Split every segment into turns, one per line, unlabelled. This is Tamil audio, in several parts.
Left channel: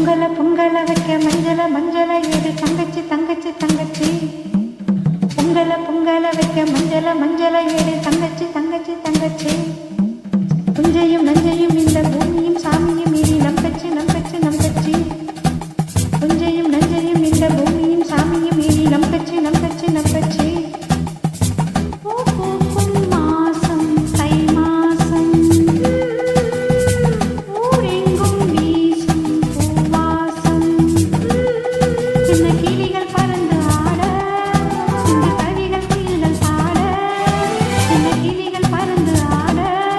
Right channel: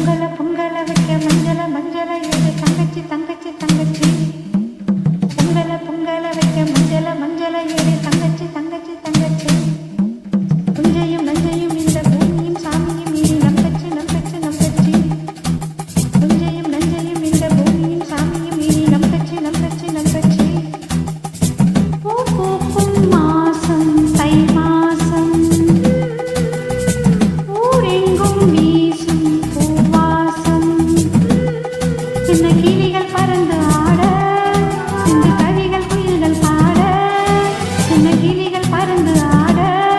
பொங்கல பொங்கல வைக்க மஞ்சள மஞ்சள ஏது தங்கச்சி தங்கச்சி தங்கச்சி. பொங்கல பொங்கல வைக்க மஞ்சள மஞ்சள ஏது தங்கச்சி தங்கச்சி தங்கச்சி. குஞ்சையும் நஞ்சையும் இந்த பூமியும் சாமியும் இனி நம்பச்சு நம்பச்சு நம்பச்சி. குஞ்சையும் நஞ்சையும் இந்த பூமியும் சாமியும் இனி நம்பச்சு நம்பச்சு. பறந்து ஆட.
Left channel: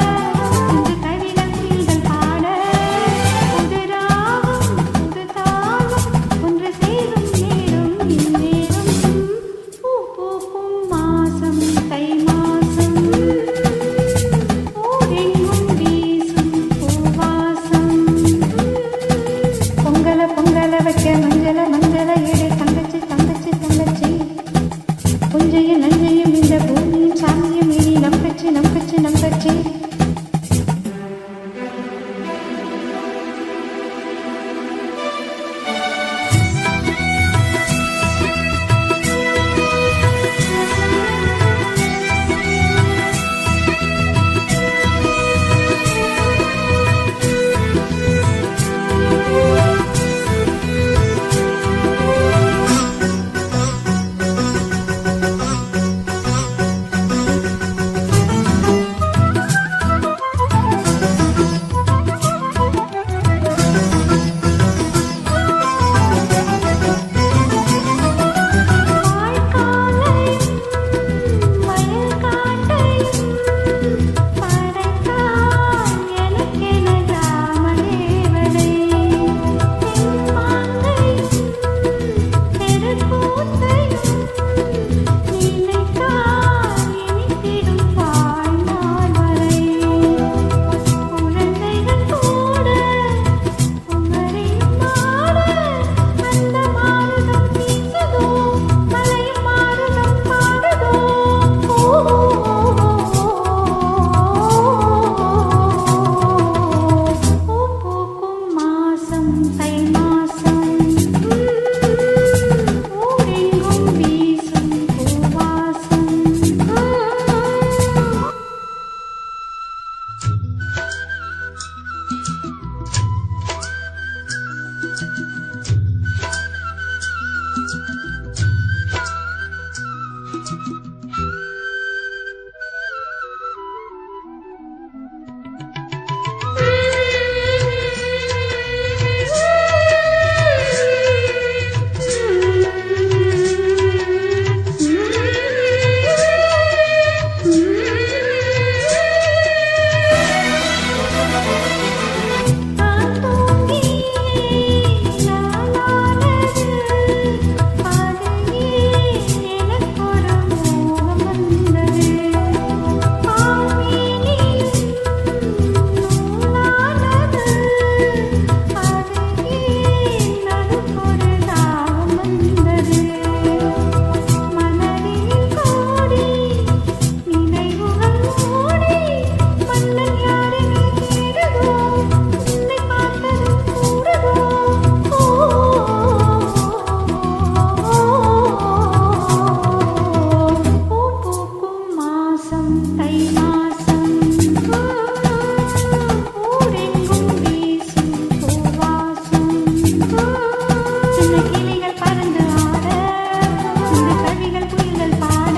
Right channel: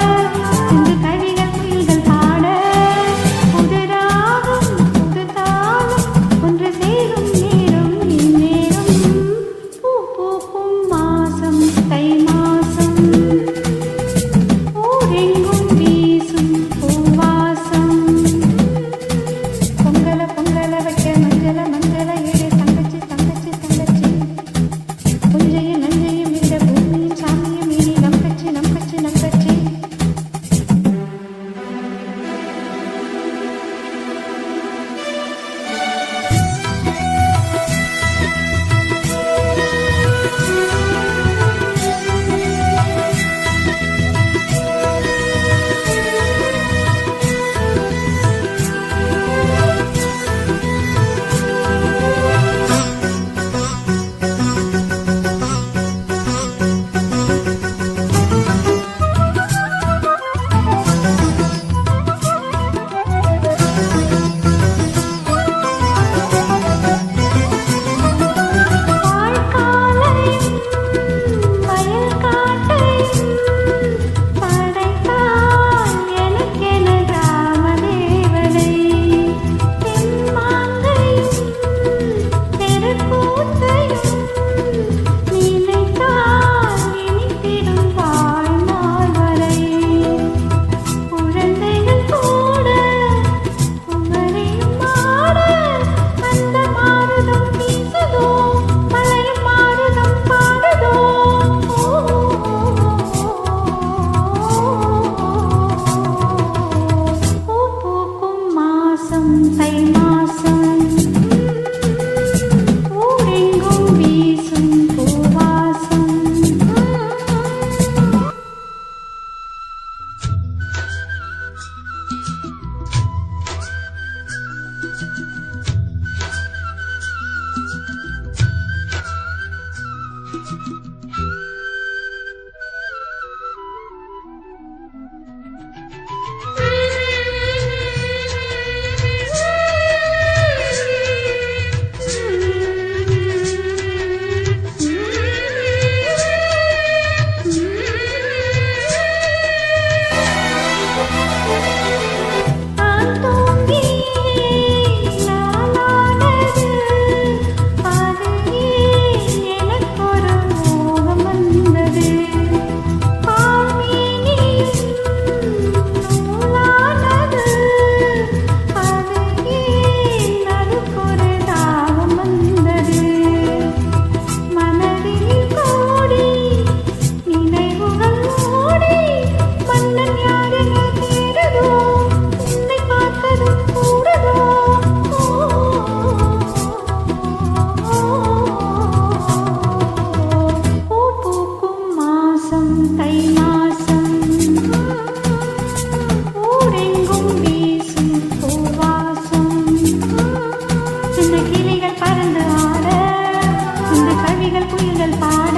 கவிகள் குயில்கள் பாட